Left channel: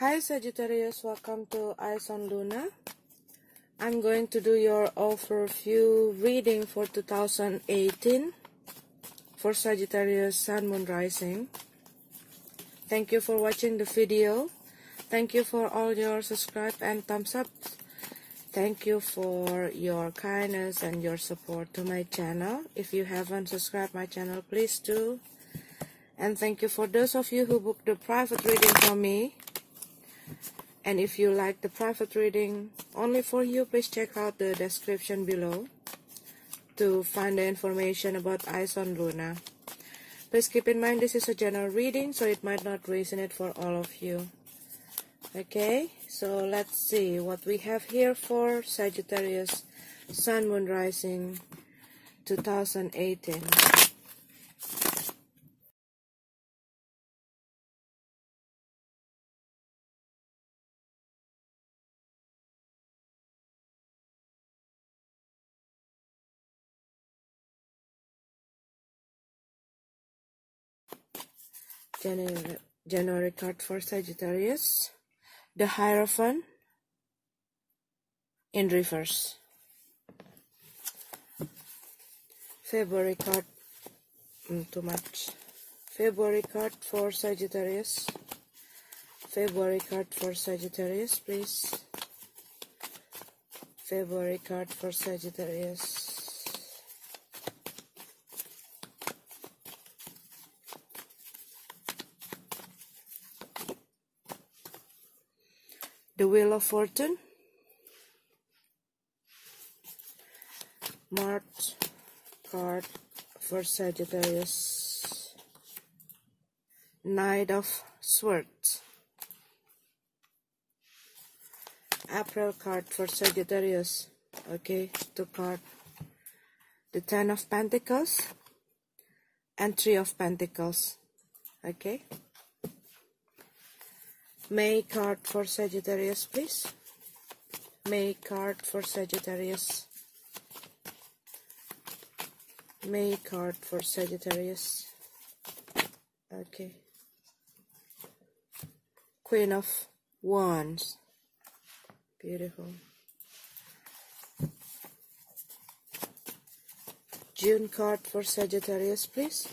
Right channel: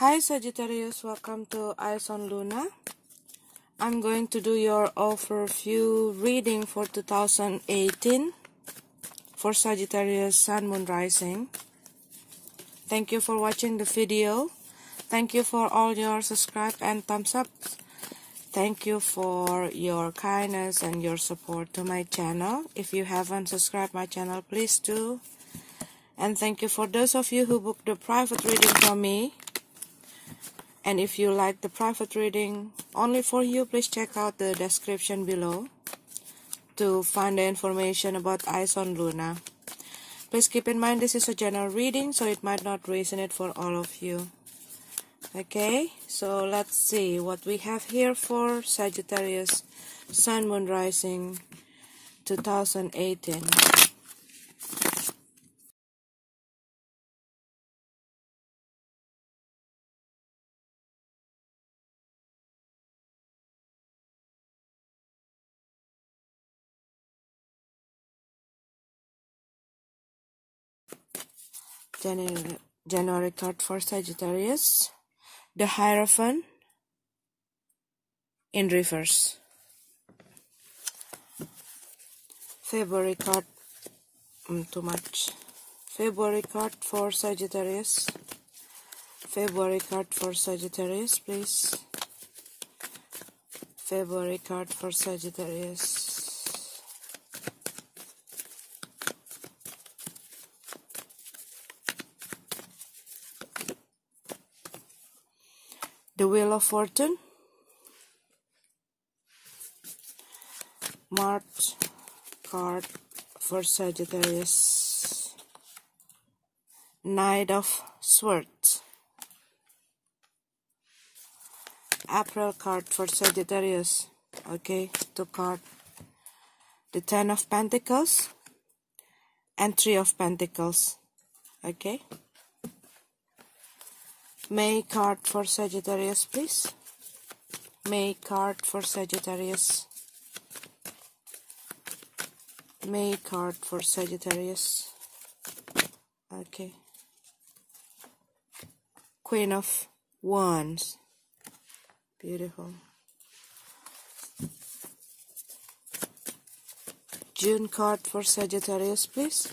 Hi Sagittarius, welcome to Eyes on Luna. I'm going to do your overview reading for 2018 for Sagittarius Sun Moon Rising. Thank you for watching the video. Thank you for all your subscribe and thumbs up. Thank you for your kindness and your support to my channel. If you haven't subscribed my channel, please do. And thank you for those of you who booked the private reading from me. And if you like the private reading only for you, please check out the description below to find the information about Eyes on Luna. Please keep in mind this is a general reading, so it might not resonate for all of you. Okay, so let's see what we have here for Sagittarius Sun Moon Rising 2018. January card for Sagittarius, the Hierophant in reverse. February card, too much. February card for Sagittarius. February card for Sagittarius, please. February card for Sagittarius. The Wheel of Fortune, March card for Sagittarius, Knight of Swords, April card for Sagittarius, okay, 2 cards, the 10 of Pentacles and 3 of Pentacles, okay. May card for Sagittarius, please. May card for Sagittarius. May card for Sagittarius. Okay. Queen of Wands. Beautiful. June card for Sagittarius, please.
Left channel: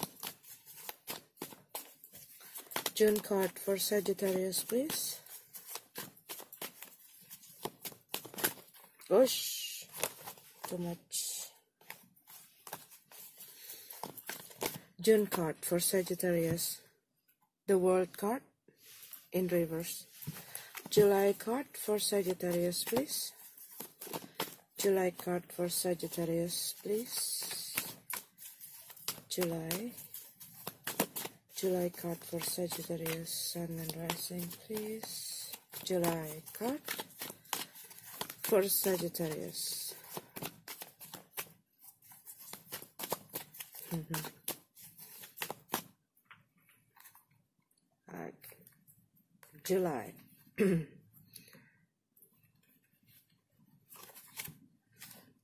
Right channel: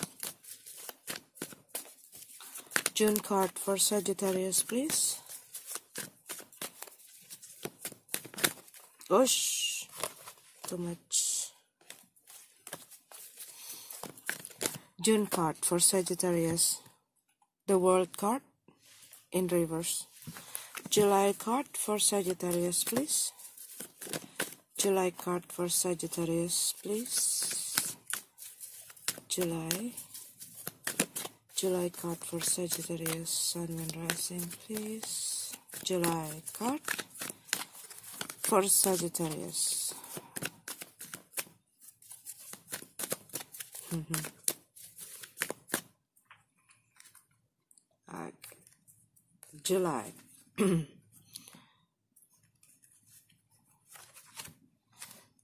June card for Sagittarius, please. Gosh, too much. June card for Sagittarius, the World card in reverse. July card for Sagittarius, please. July card for Sagittarius, please. July card for Sagittarius, Sun Moon Rising, please. July card for Sagittarius. July.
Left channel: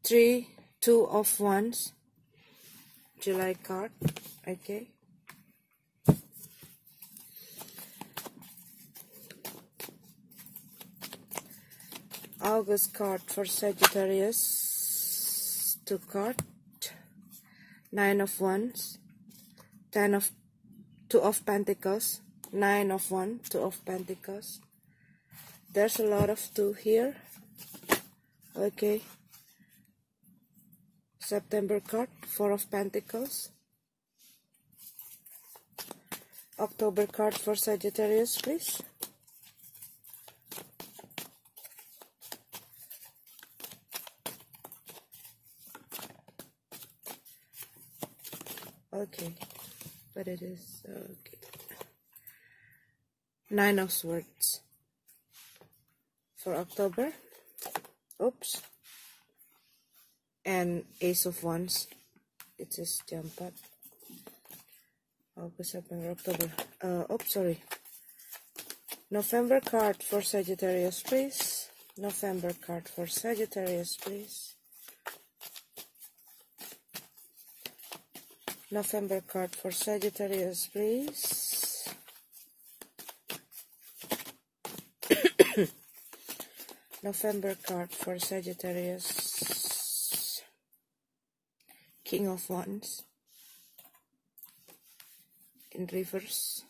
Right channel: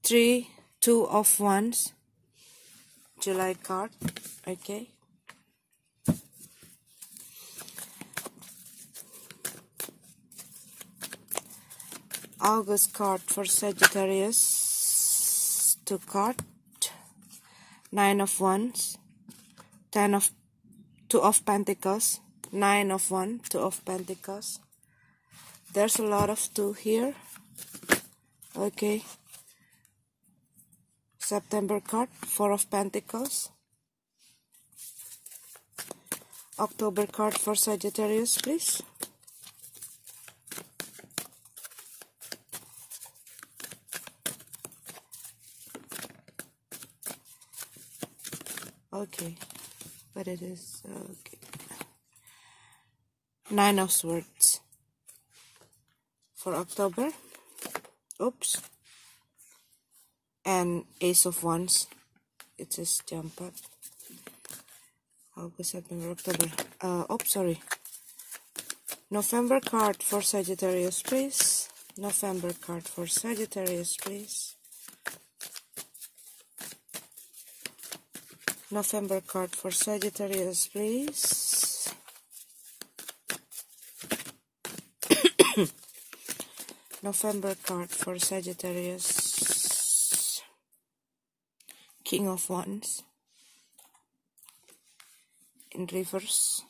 3, 2 of Wands. July card, okay. August card for Sagittarius, 2 cards, 9 of Wands, 2 of Pentacles, 9 of Wands, 2 of Pentacles. There's a lot of 2 here. Okay. September card, 4 of Pentacles. October card for Sagittarius, please. Okay, but it is okay. 9 of Swords for October. Oops. And Ace of Wands. It just jumped up. August, September, October. Oops, sorry. November card for Sagittarius, please. November card for Sagittarius, please. November card for Sagittarius, please. November card for Sagittarius. King of Wands in reverse.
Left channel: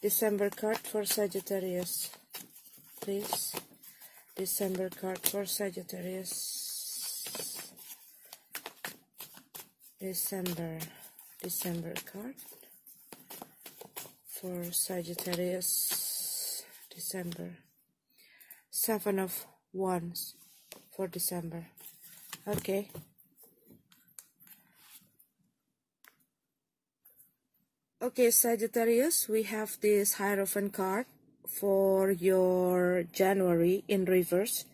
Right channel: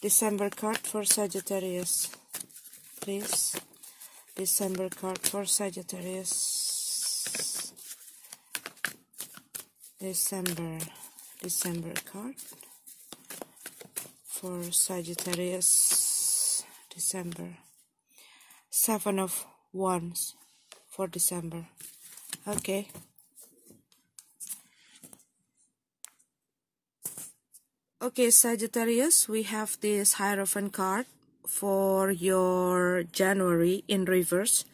December card for Sagittarius, please. December card for Sagittarius. December card for Sagittarius. December. 7 of Wands for December. Okay. Okay, Sagittarius, we have this Hierophant card for your January in reverse.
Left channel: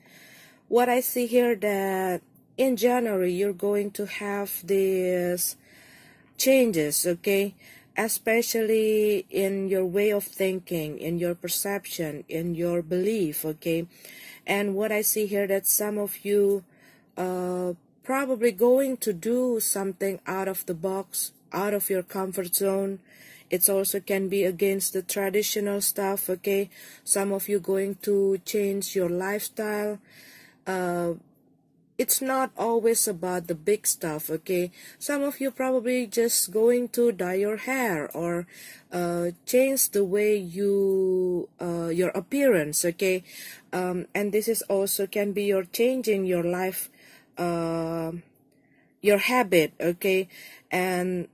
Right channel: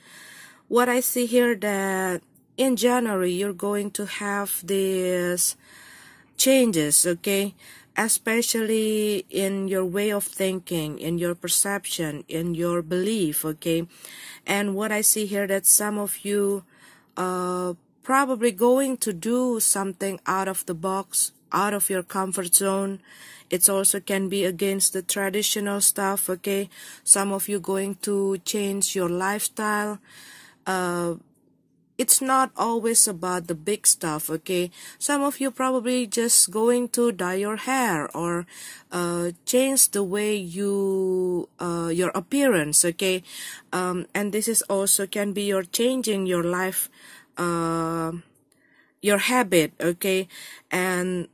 What I see here that in January you're going to have these changes, okay? Especially in your way of thinking, in your perception, in your belief, okay? And what I see here that some of you probably going to do something out of the box, out of your comfort zone. It also can be against the traditional stuff, okay? Some of you going to change your lifestyle. It's not always about the big stuff, okay? Some of you probably just going to dye your hair or change the way you your appearance, okay? And this is also can be your changing your life, your habit, okay? And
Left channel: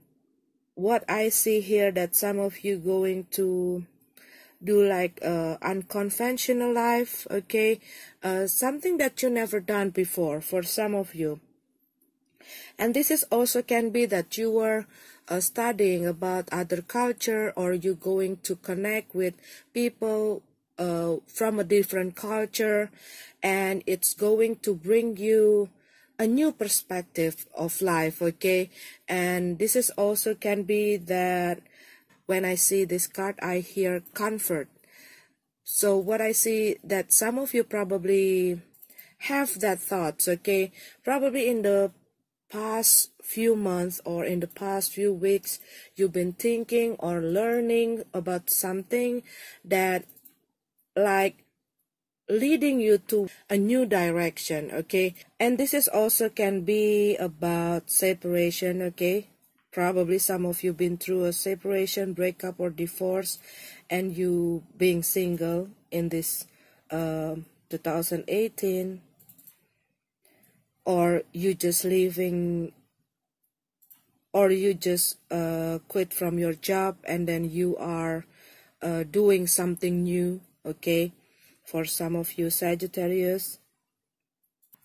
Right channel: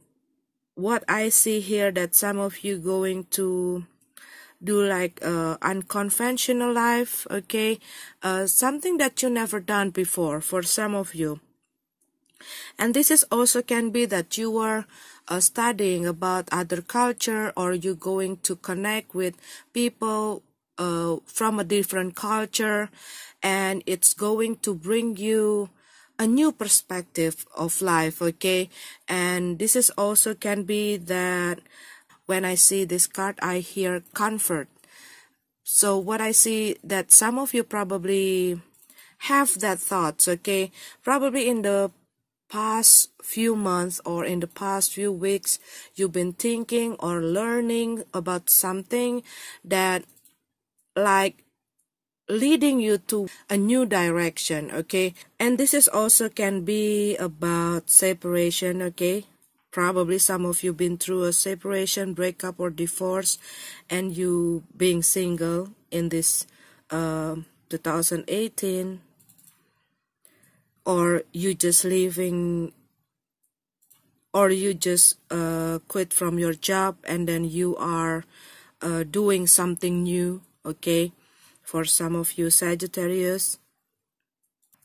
what I see here that some of you going to do like unconventional life, okay? Something that you never done before for some of you. And this is also can be that you are studying about other culture, or you going to connect with people from a different culture, and it's going to bring you a new perspective of life, okay? And this is also can be that when I see this card, I hear comfort. So what I see that some of you probably have that thoughts, okay? Probably in the past few months or in the past few weeks, you've been thinking or learning about something that like leading you to a new direction, okay? And this is also can be about separation, okay? Probably some of you been through a separation, breakup, or divorce, and you being single in this 2018, or you just leaving, or you just quit from your job and then you are doing something new, okay? For some of you Sagittarius.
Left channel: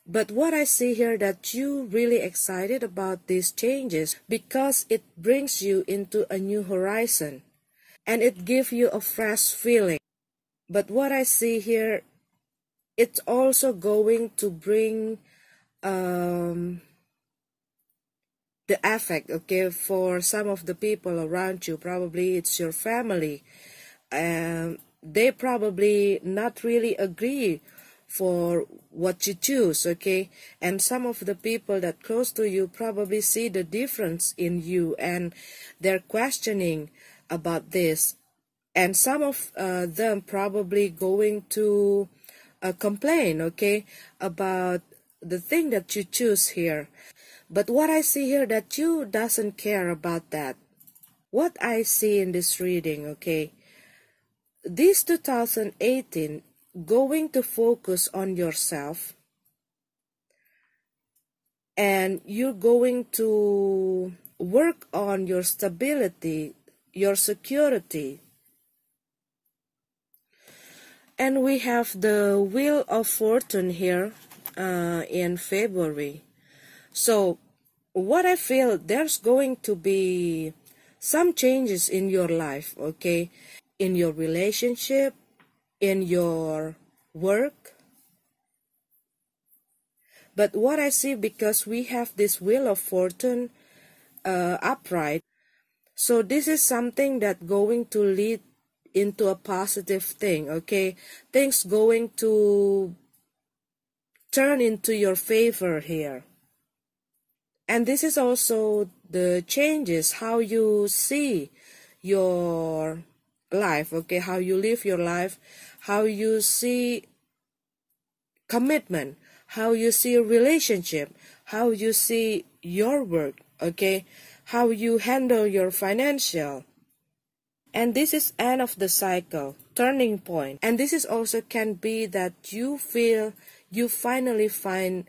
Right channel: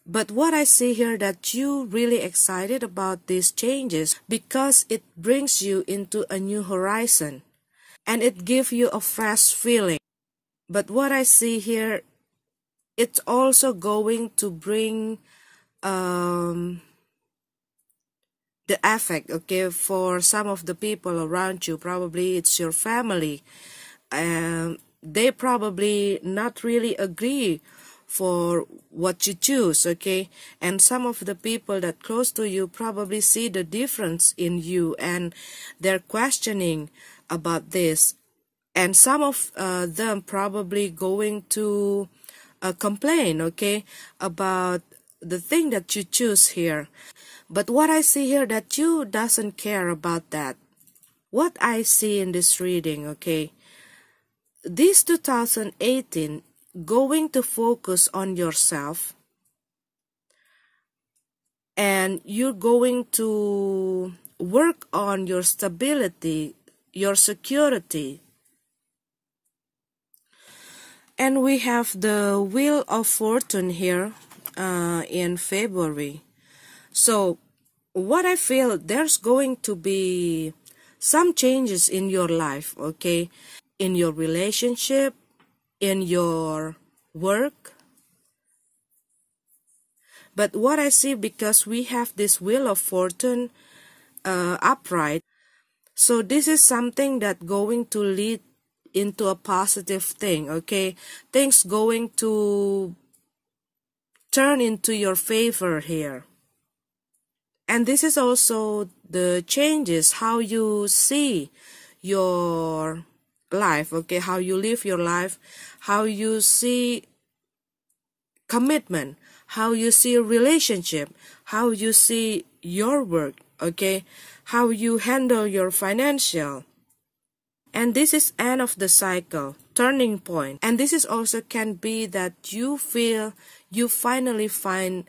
But what I see here that you really excited about these changes because it brings you into a new horizon and it gives you a fresh feeling. But what I see here, it's also going to bring the effect, okay, for some of the people around you. Probably it's your family. They probably not really agree for what you choose, okay? And some of the people that close to you probably see the difference in you and they're questioning about this. And some of them probably going to complain, okay, about the thing that you choose here. But what I see here that you doesn't care about that. What I see in this reading, okay, this 2018 going to focus on yourself, and you're going to work on your stability, your security. And we have the Wheel of Fortune here in February. So what I feel, there's going to be some changes in your life, okay? In your relationship, in your work. But what I see, because we have this Wheel of Fortune upright, so this is something that going to lead into a positive thing, okay? Things going to turn into your favor here. And this is also the changes, how you see your life, okay? How you live your life, how you see commitment, how you see a relationship, how you see your work, okay, how you handle your financial. And this is end of the cycle, turning point. And this is also can be that you feel you finally find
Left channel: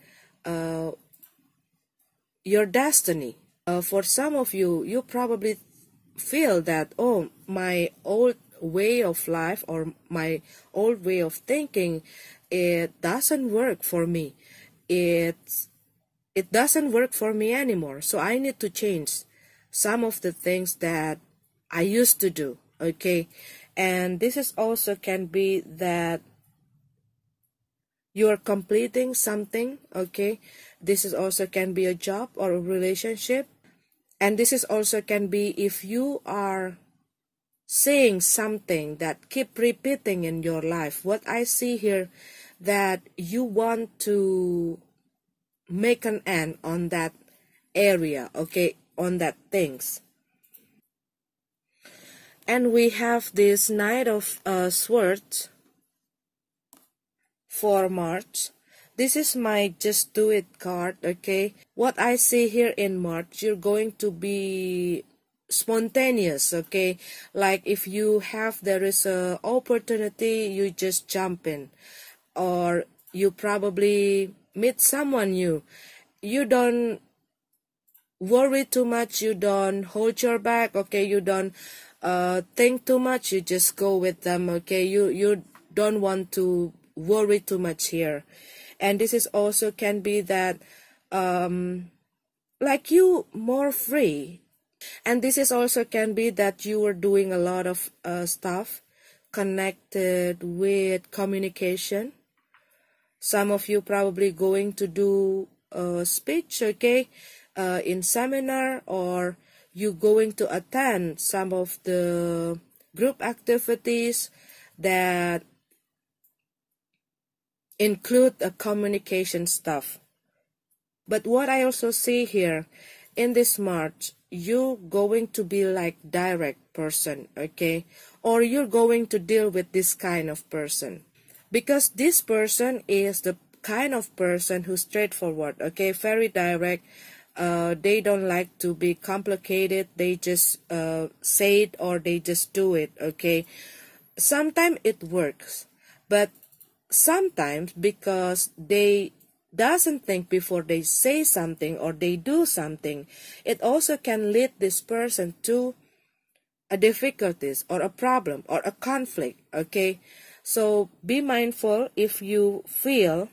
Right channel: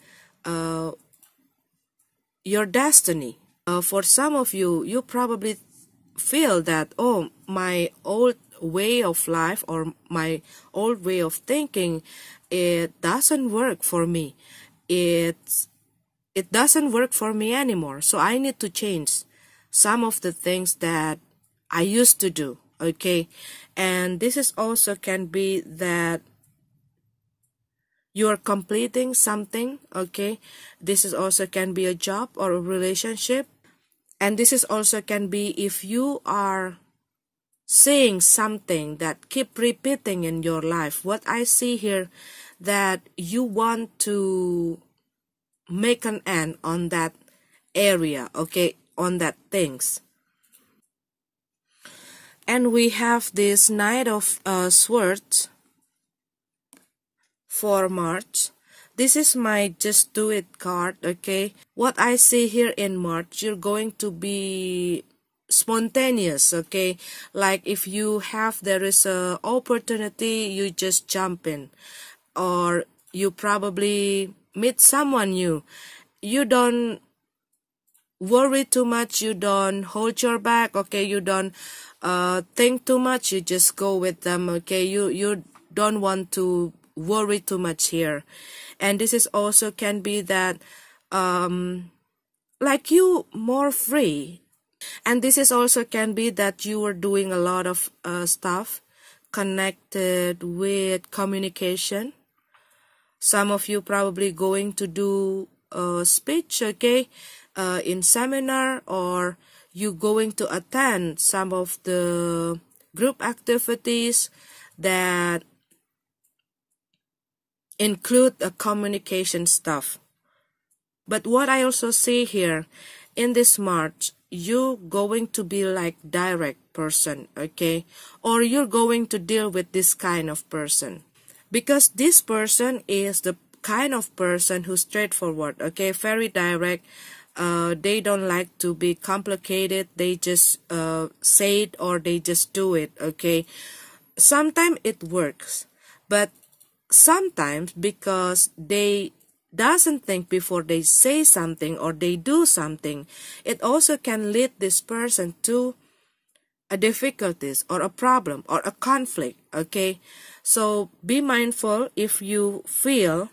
your destiny. For some of you, you probably feel that, oh, my old way of life or my old way of thinking, it doesn't work for me. It doesn't work for me anymore. So I need to change some of the things that I used to do, okay? And this is also can be that you're completing something, okay? This is also can be a job or a relationship. And this is also can be if you are saying something that keep repeating in your life. What I see here, that you want to make an end on that area, okay, on that things. And we have this Knight of Swords for March. This is my Just Do It card, okay. What I see here in March, you're going to be spontaneous, okay. Like if you have, there is a opportunity, you just jump in. Or you probably meet someone new. You don't worry too much, you don't hold your back, okay, you don't think too much, you just go with them, okay, you don't want to worry too much here. And this is also can be that like you more free. And this is also can be that you are doing a lot of stuff connected with communication. Some of you probably going to do a speech, okay, in seminar, or you going to attend some of the group activities that include a communication stuff. But what I also see here in this March, you going to be like direct person, okay, or you're going to deal with this kind of person. Because this person is the kind of person who's straightforward, okay, very direct. They don't like to be complicated. They just say it or they just do it, okay. Sometimes it works, but sometimes because they doesn't think before they say something or they do something, it also can lead this person to a difficulties or a problem or a conflict, okay. So be mindful if you feel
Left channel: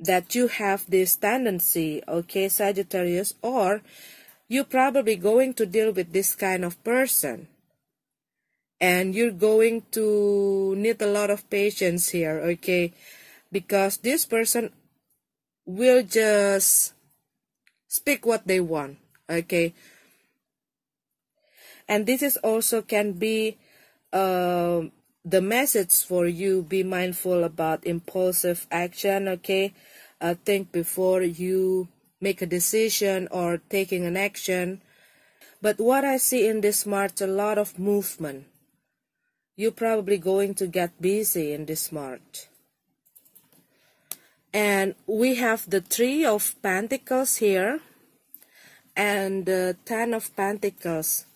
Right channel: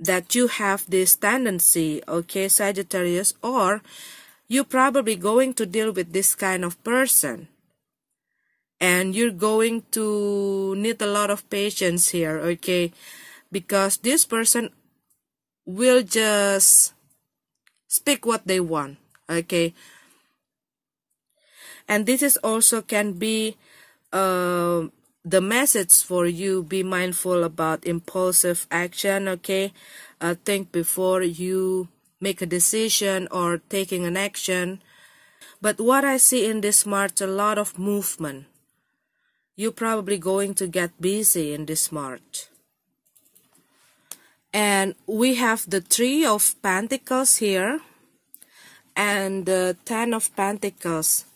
that you have this tendency, okay, Sagittarius, or you're probably going to deal with this kind of person. And you're going to need a lot of patience here, okay, because this person will just speak what they want, okay. And this is also can be the message for you. Be mindful about impulsive action, okay. Think before you make a decision or taking an action. But what I see in this March, a lot of movement. You're probably going to get busy in this March. And we have the 3 of Pentacles here and the 10 of Pentacles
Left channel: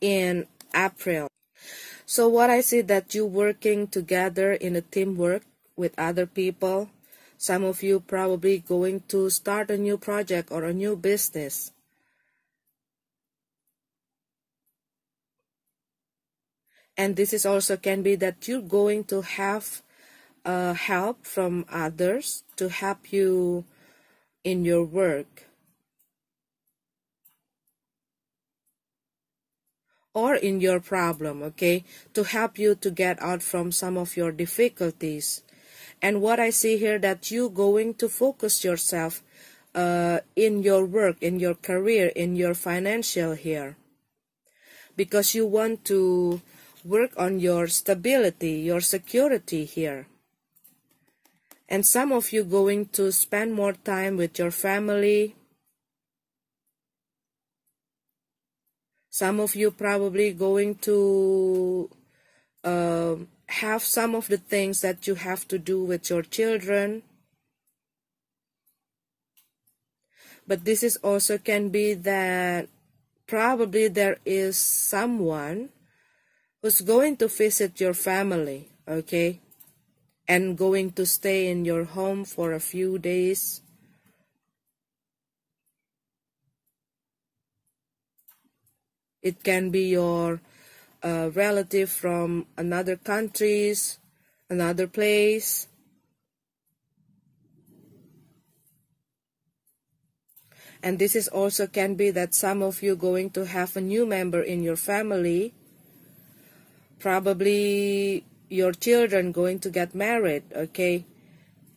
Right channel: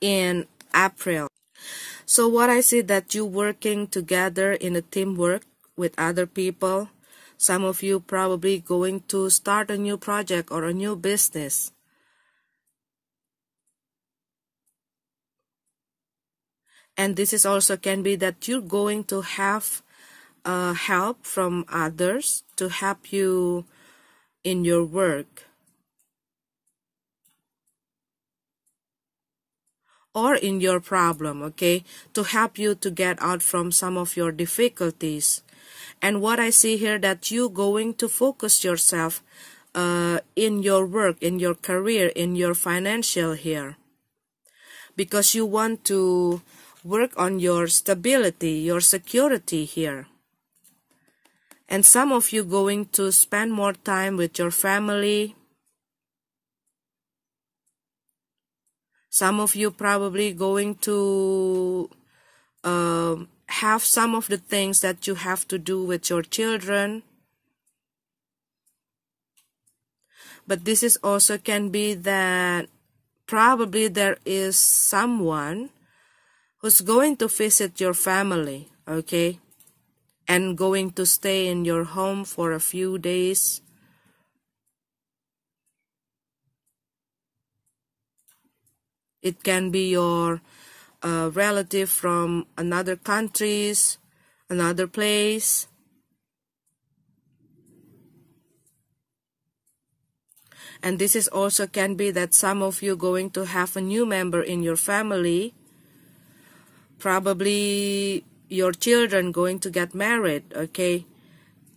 in April. So what I see that you working together in a teamwork with other people. Some of you probably going to start a new project or a new business. And this is also can be that you're going to have help from others to help you in your work. Or in your problem, okay, to help you to get out from some of your difficulties. And what I see here, that you going to focus yourself in your work, in your career, in your financial here. Because you want to work on your stability, your security here. And some of you going to spend more time with your family. Some of you probably going to have some of the things that you have to do with your children. But this is also can be that probably there is someone who's going to visit your family, okay, and going to stay in your home for a few days. It can be your relative from another countries, another place. And this is also can be that some of you going to have a new member in your family. Probably your children going to get married, okay?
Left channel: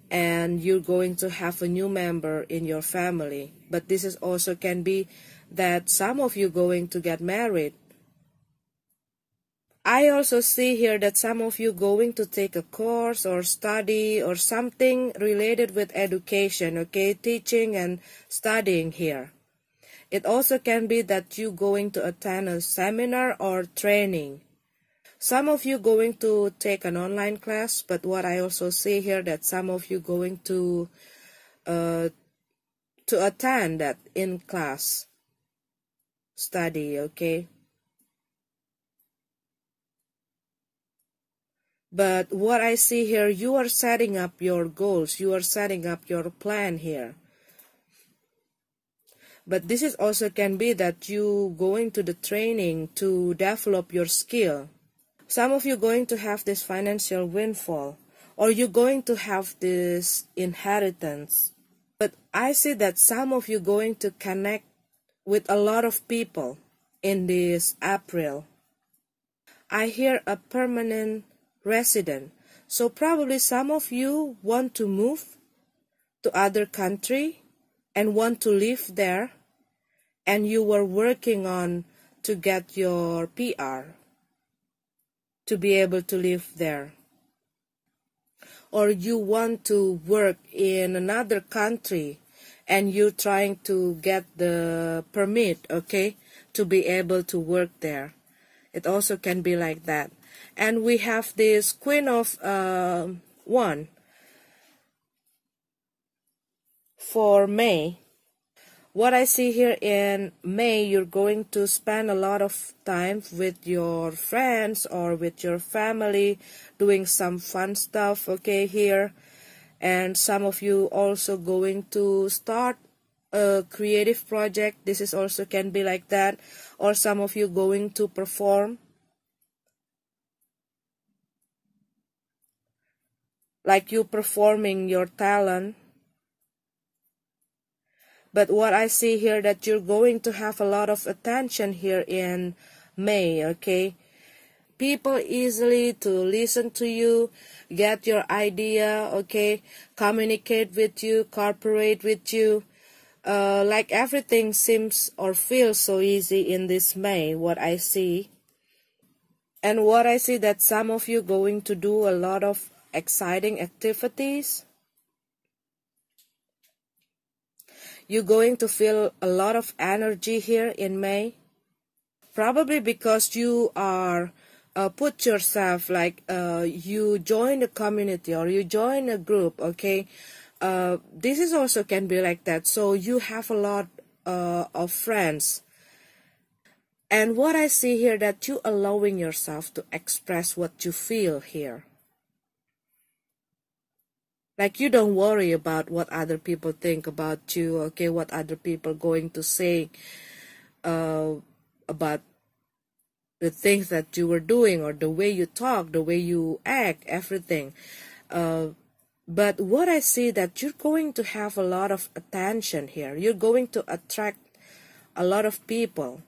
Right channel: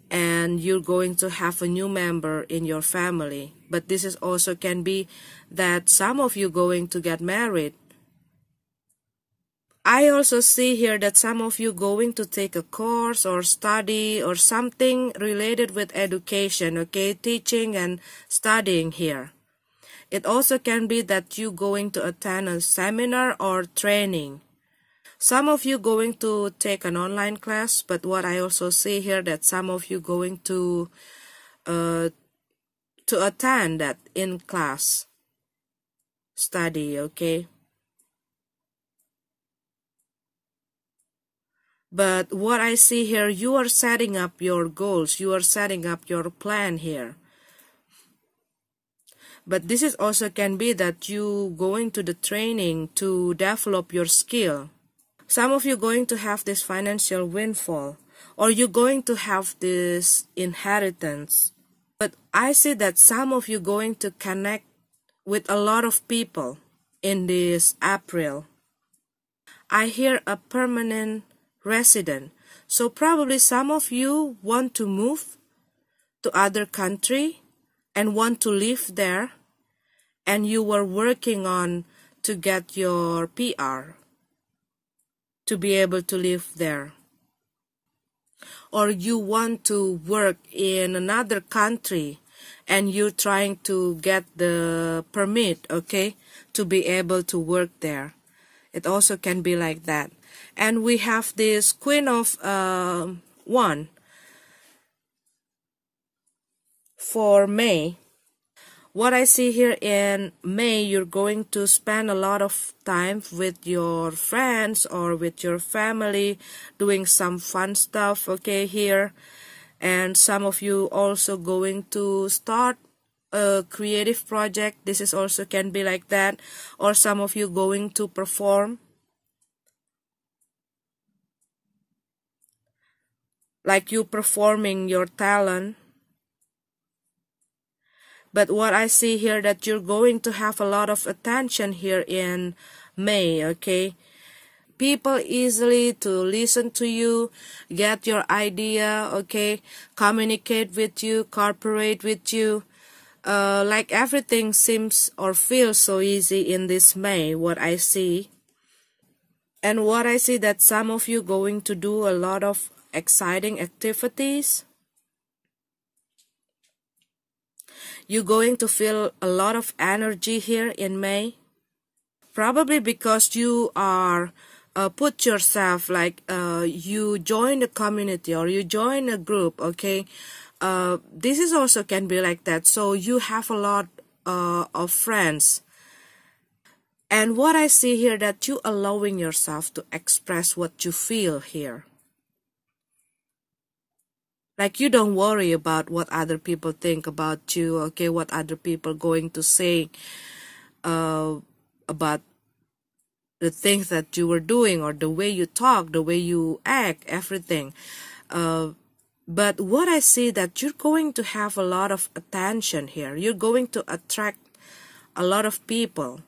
And you're going to have a new member in your family. But this is also can be that some of you going to get married. I also see here that some of you going to take a course or study or something related with education, okay, teaching and studying here. It also can be that you going to attend a seminar or training. Some of you going to take an online class, but what I also see here that some of you going to attend that in class study, okay. But what I see here, you are setting up your goals. You are setting up your plan here. But this is also can be that you going to the training to develop your skill. Some of you going to have this financial windfall. Or you're going to have this inheritance. But I see that some of you going to connect with a lot of people in this April. I hear a permanent resident. So probably some of you want to move to other country and want to live there, and you were working on to get your PR to be able to live there. Or you want to work in another country and you're trying to get the permit, okay, to be able to work there. It also can be like that. And we have this Queen of Wands for May. What I see here in May, you're going to spend a lot of time with your friends or with your family, doing some fun stuff, okay, here. And some of you also going to start a creative project. This is also can be like that. Or some of you going to perform. Like you performing your talent. But what I see here that you're going to have a lot of attention here in May, okay? People easily to listen to you, get your idea, okay? Communicate with you, cooperate with you. Like everything seems or feels so easy in this May, what I see. And what I see that some of you going to do a lot of exciting activities. You're going to feel a lot of energy here in May. Probably because you are put yourself like you join a community or you join a group, okay? This is also can be like that. So you have a lot of friends. And what I see here that you allowing yourself to express what you feel here. Like you don't worry about what other people think about you, okay? What other people going to say about the things that you were doing or the way you talk, the way you act, everything. But what I see that you're going to have a lot of attention here. You're going to attract a lot of people.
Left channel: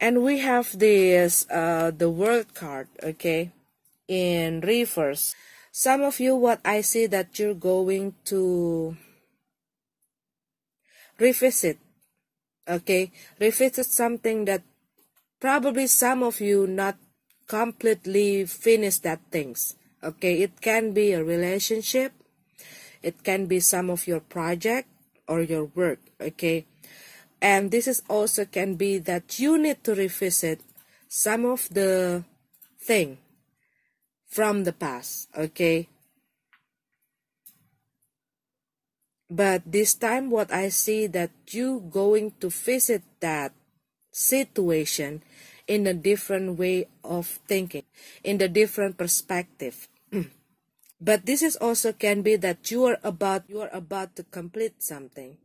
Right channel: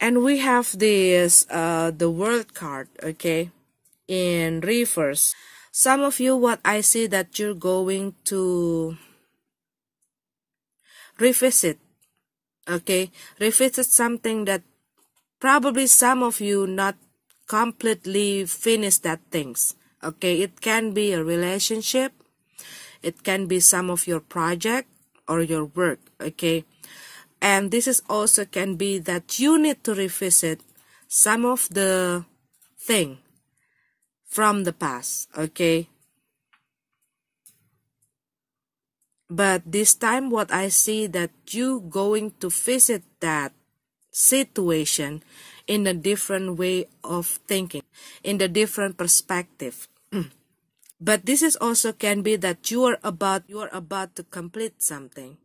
And we have this, the World card, okay? In reverse. Some of you, what I see that you're going to revisit, okay? Revisit something that probably some of you not completely finished that things, okay? It can be a relationship, it can be some of your project or your work, okay? And this is also can be that you need to revisit some of the thing from the past, okay? But this time what I see that you going to visit that situation in a different way of thinking, in a different perspective. But this is also can be that you are about to complete something.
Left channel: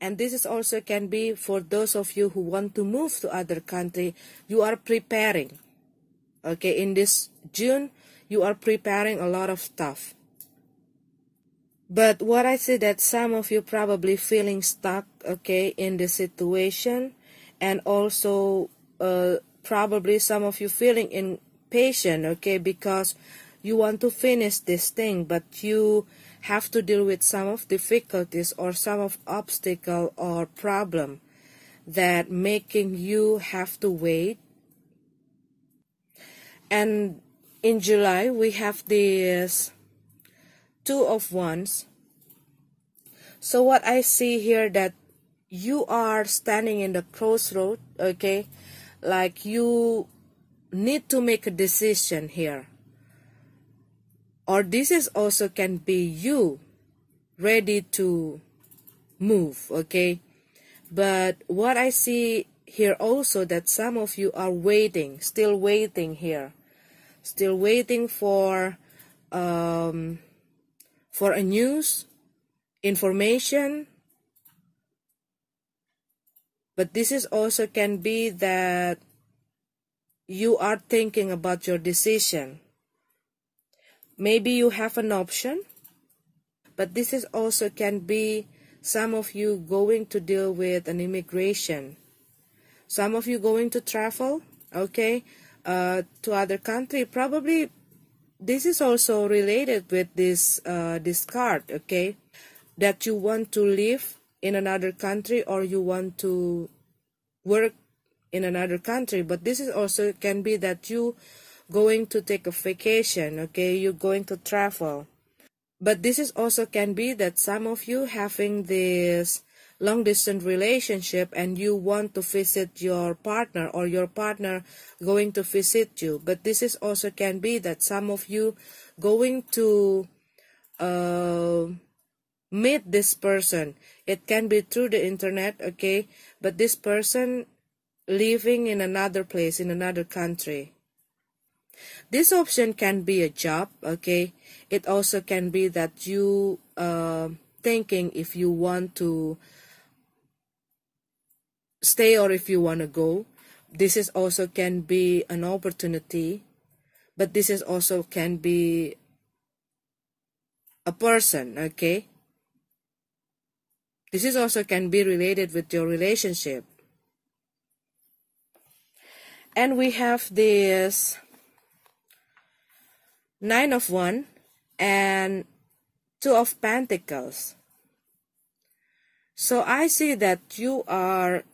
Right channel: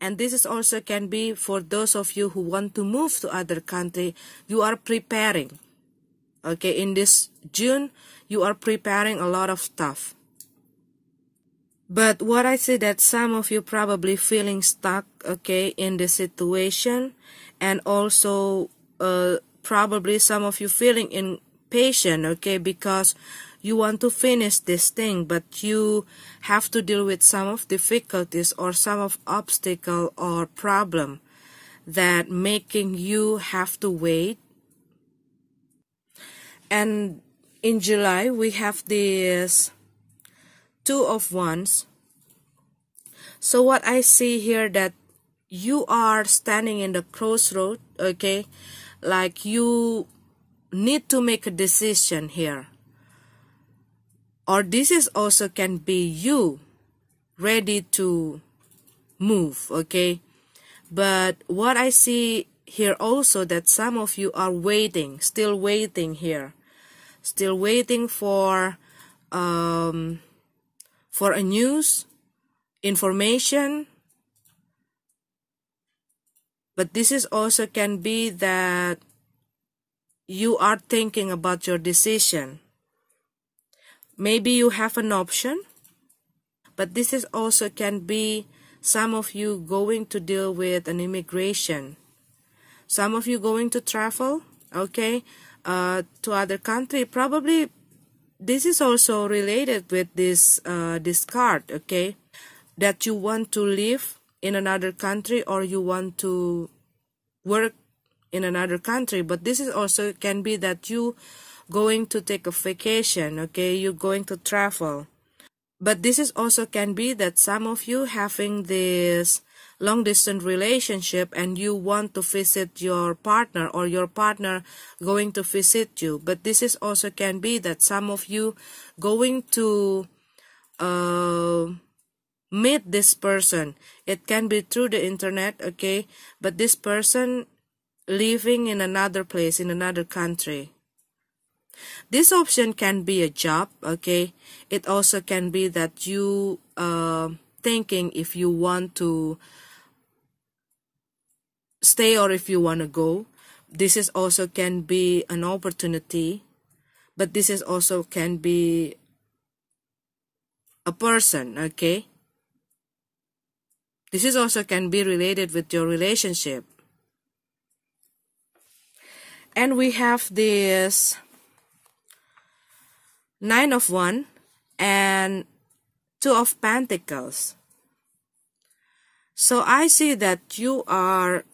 And this is also can be for those of you who want to move to other country, you are preparing. Okay, in this June, you are preparing a lot of stuff. But what I see that some of you probably feeling stuck, okay, in this situation, and also probably some of you feeling impatient, okay, because you want to finish this thing, but you have to deal with some of difficulties or some of obstacle or problem that making you have to wait. And in July, we have this Two of Wands. So what I see here that you are standing in the crossroad, okay? Like you need to make a decision here. Or this is also can be you ready to move, okay? But what I see here also that some of you are waiting, still waiting here. Still waiting for a news, information. But this is also can be that you are thinking about your decision. Maybe you have an option, but this is also can be some of you going to deal with an immigration. Some of you going to travel, okay, to other country. Probably this is also related with this card, okay, that you want to live in another country or you want to work in another country. But this is also can be that you going to take a vacation, okay, you're going to travel. But this is also can be that some of you having this long distance relationship and you want to visit your partner or your partner going to visit you. But this is also can be that some of you going to meet this person. It can be through the internet, okay, but this person living in another place, in another country. This option can be a job, okay. It also can be that you thinking if you want to stay or if you want to go. This is also can be an opportunity, but this is also can be a person, okay. This is also can be related with your relationship. And we have this Nine of Wands and Two of Pentacles. So I see that you are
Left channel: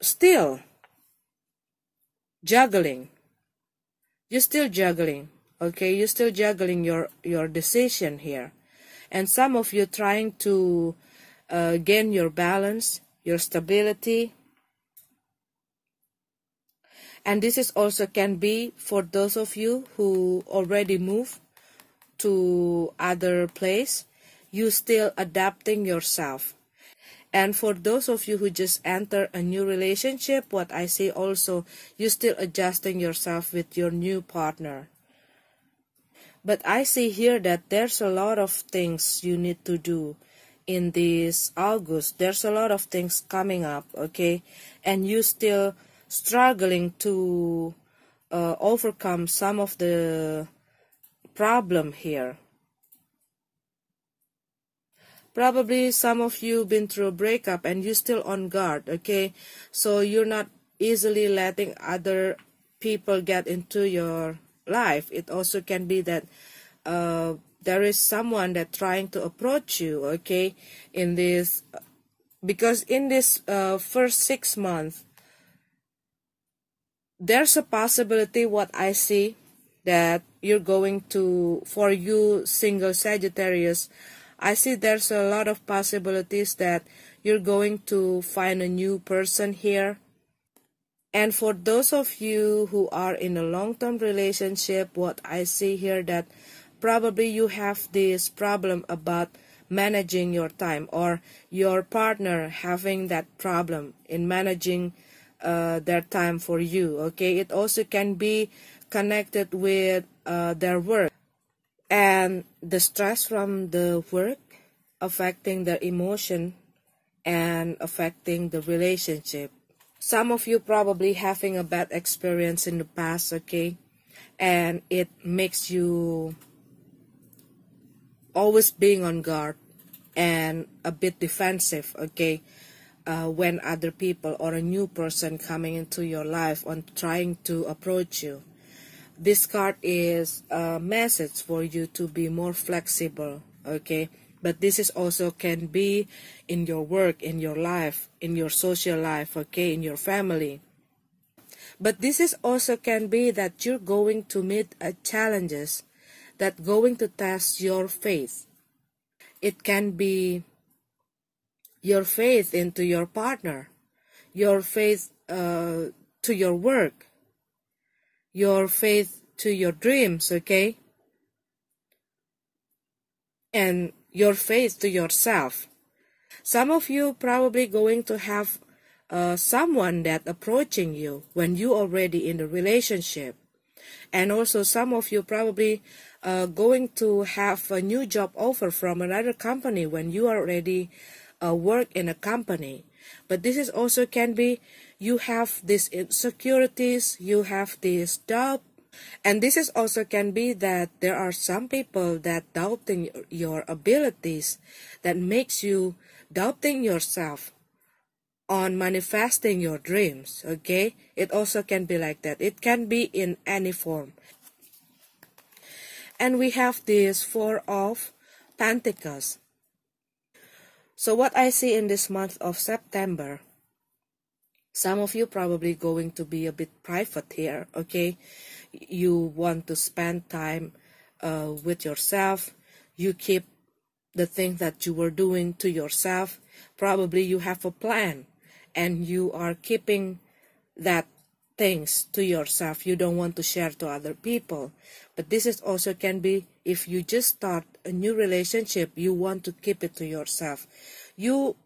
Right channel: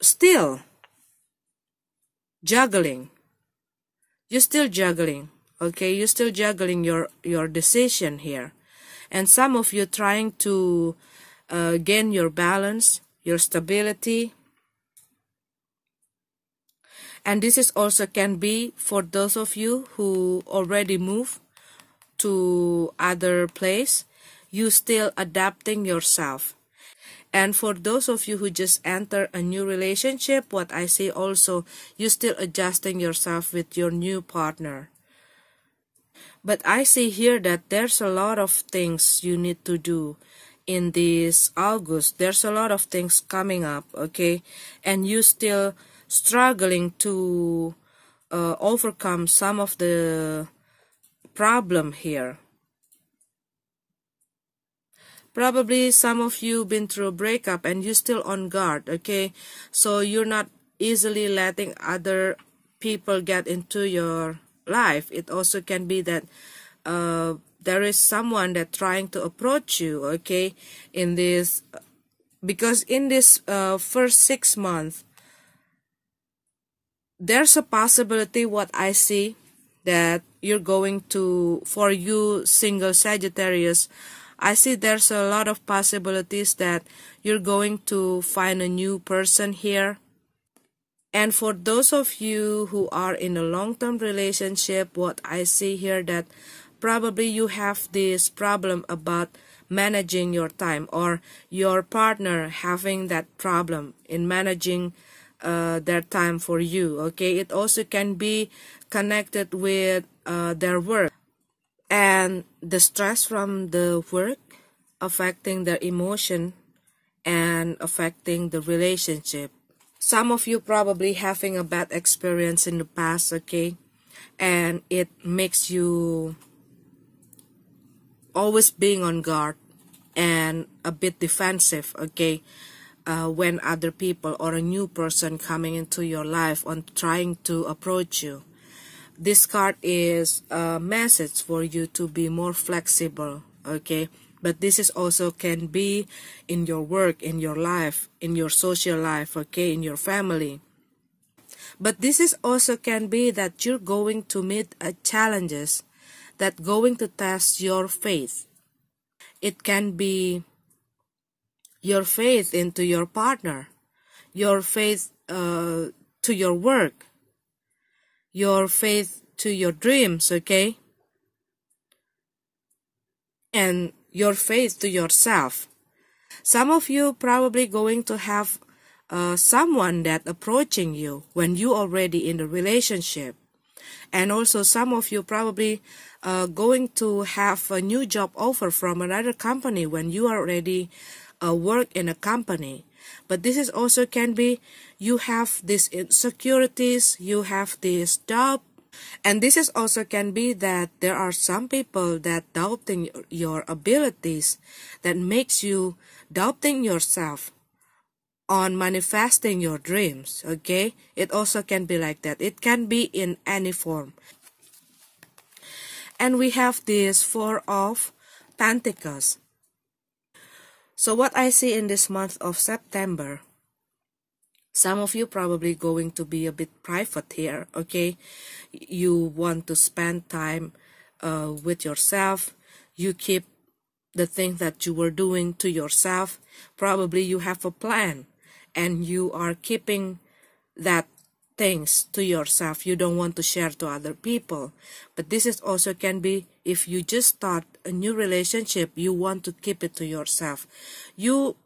still juggling. You're still juggling, okay? You're still juggling your decision here. And some of you trying to gain your balance, your stability. And this is also can be for those of you who already moved to other place. You still adapting yourself. And for those of you who just enter a new relationship, what I see also, you still adjusting yourself with your new partner. But I see here that there's a lot of things you need to do in this August. There's a lot of things coming up, okay? And you still struggling to overcome some of the problem here. Probably some of you been through a breakup and you're still on guard, okay? So you're not easily letting other people get into your life. It also can be that there is someone that trying to approach you, okay? In this, because in this first 6 months, there's a possibility what I see that you're going to, for you single Sagittarius, I see there's a lot of possibilities that you're going to find a new person here. And for those of you who are in a long-term relationship, what I see here that probably you have this problem about managing your time, or your partner having that problem in managing their time for you. Okay, it also can be connected with their work, and the stress from the work affecting their emotion and affecting the relationship. Some of you probably having a bad experience in the past, okay, and it makes you always being on guard and a bit defensive, okay, when other people or a new person coming into your life on trying to approach you. This card is a message for you to be more flexible, okay? But this is also can be in your work, in your life, in your social life, okay, in your family. But this is also can be that you're going to meet challenges that going to test your faith. It can be your faith into your partner, your faith to your work, your faith to your dreams, okay? And your faith to yourself. Some of you probably going to have someone that approaching you when you already in a relationship. And also some of you probably going to have a new job offer from another company when you already work in a company. But this is also can be you have these insecurities, you have this doubt. And this is also can be that there are some people that doubting your abilities, that makes you doubting yourself on manifesting your dreams, okay? It also can be like that. It can be in any form. And we have this Four of Pentacles. So what I see in this month of September, some of you probably going to be a bit private here, okay? You want to spend time with yourself. You keep the things that you were doing to yourself. Probably you have a plan and you are keeping that things to yourself. You don't want to share to other people. But this is also can be if you just start a new relationship, you want to keep it to yourself. You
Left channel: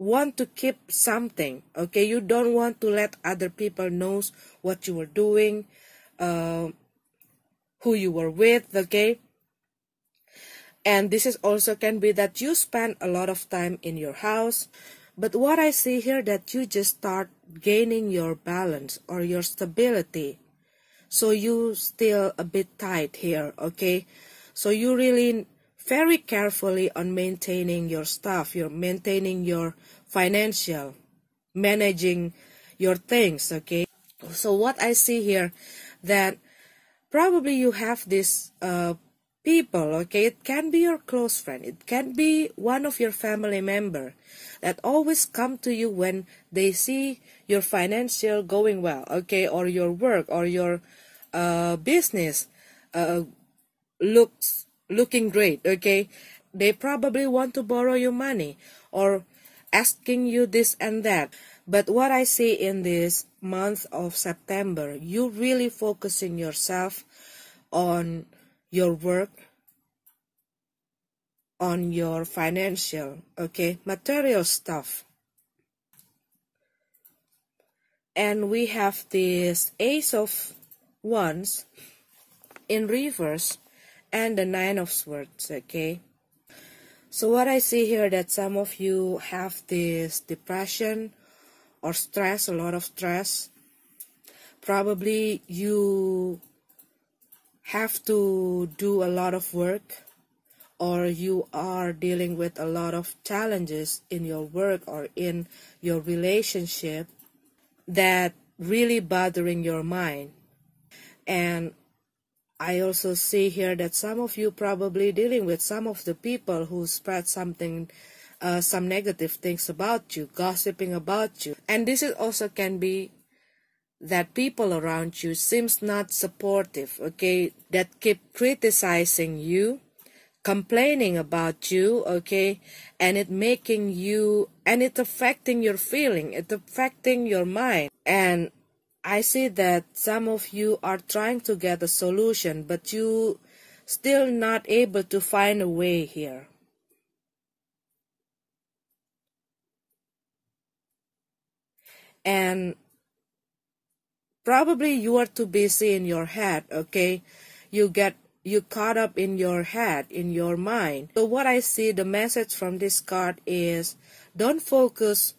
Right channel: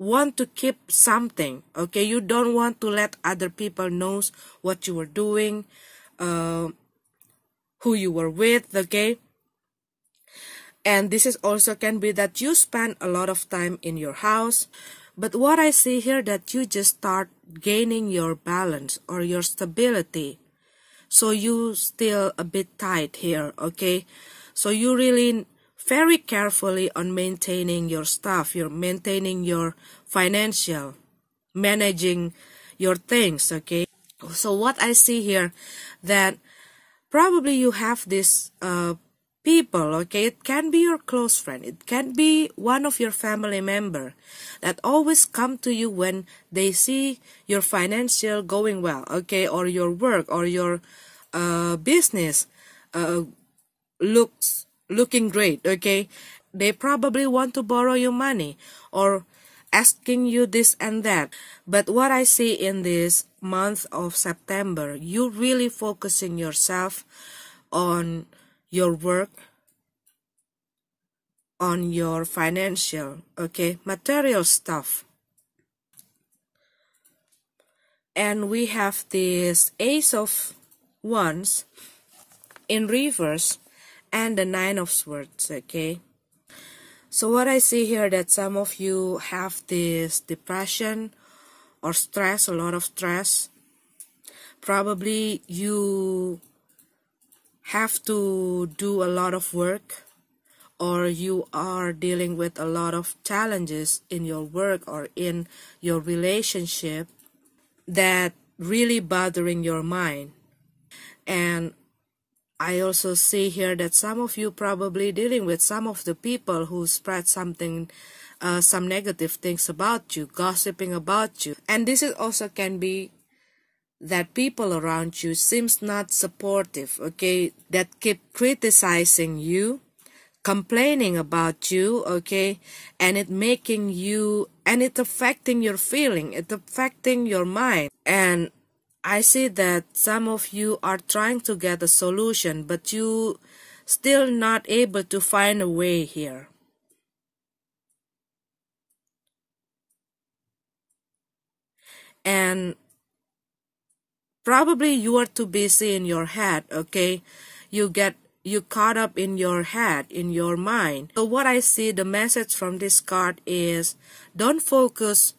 want to keep something, okay? You don't want to let other people know what you were doing, who you were with, okay? And this is also can be that you spend a lot of time in your house. But what I see here that you just start gaining your balance or your stability. So you still a bit tight here, okay? So you really very carefully on maintaining your stuff. You're maintaining your financial, managing your things, okay? So what I see here that probably you have this people, okay? It can be your close friend. It can be one of your family member that always come to you when they see your financial going well, okay? Or your work or your business looking great, okay? They probably want to borrow you money or asking you this and that. But what I see in this month of September, you really focusing yourself on your work, on your financial, okay, material stuff. And we have this Ace of Wands in reverse and the Nine of Swords, okay? So what I see here that some of you have this depression or stress, a lot of stress. Probably you have to do a lot of work, or you are dealing with a lot of challenges in your work or in your relationship that really bothering your mind. And I also see here that some of you probably dealing with some of the people who spread something, some negative things about you, gossiping about you. And this is also can be that people around you seems not supportive, okay, that keep criticizing you, complaining about you, okay, and it making you, and it affecting your feeling, it affecting your mind. And I see that some of you are trying to get a solution, but you still not able to find a way here. And probably you are too busy in your head, okay? You caught up in your head, in your mind. So what I see, the message from this card is, don't focus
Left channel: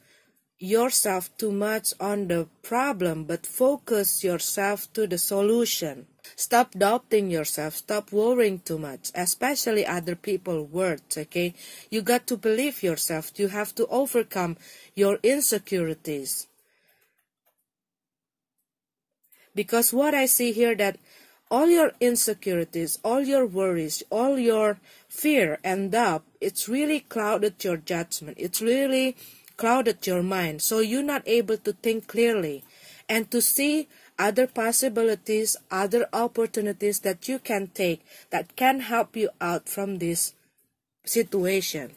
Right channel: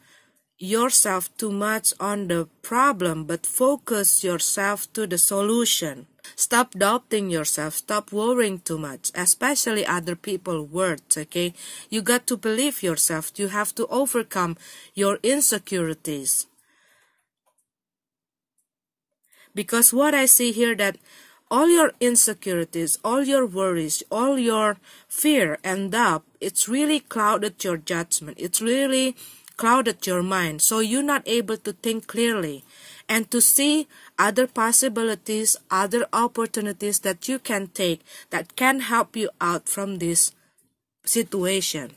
yourself too much on the problem, but focus yourself to the solution. Stop doubting yourself. Stop worrying too much, especially other people's words, okay? You got to believe yourself. You have to overcome your insecurities. Because what I see here, that all your insecurities, all your worries, all your fear and doubt, it's really clouded your judgment. It's really clouded your mind. So you're not able to think clearly and to see other possibilities, other opportunities that you can take that can help you out from this situation.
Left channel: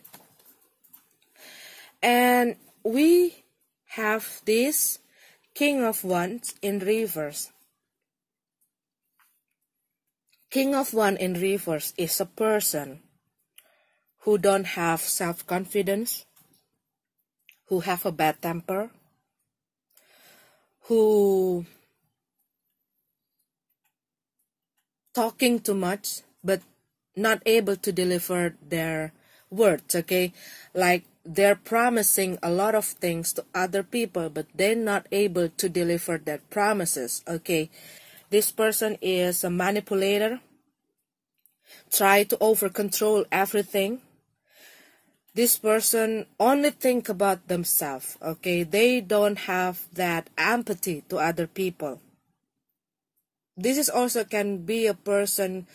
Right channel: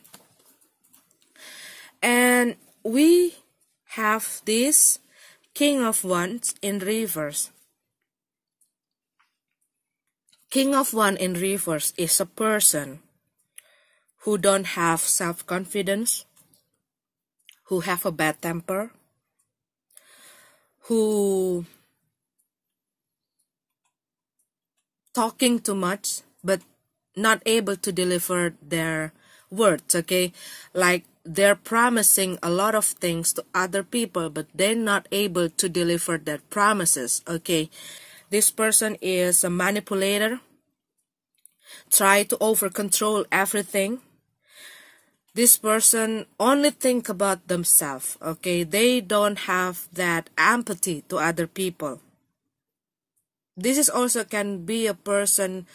And we have this King of Wands in reverse. King of Wands in reverse is a person who don't have self-confidence, who have a bad temper, who talking too much but not able to deliver their words, okay? Like they're promising a lot of things to other people, but they're not able to deliver their promises, okay? This person is a manipulator, try to over-control everything. This person only think about themselves, okay? They don't have that empathy to other people. This is also can be a person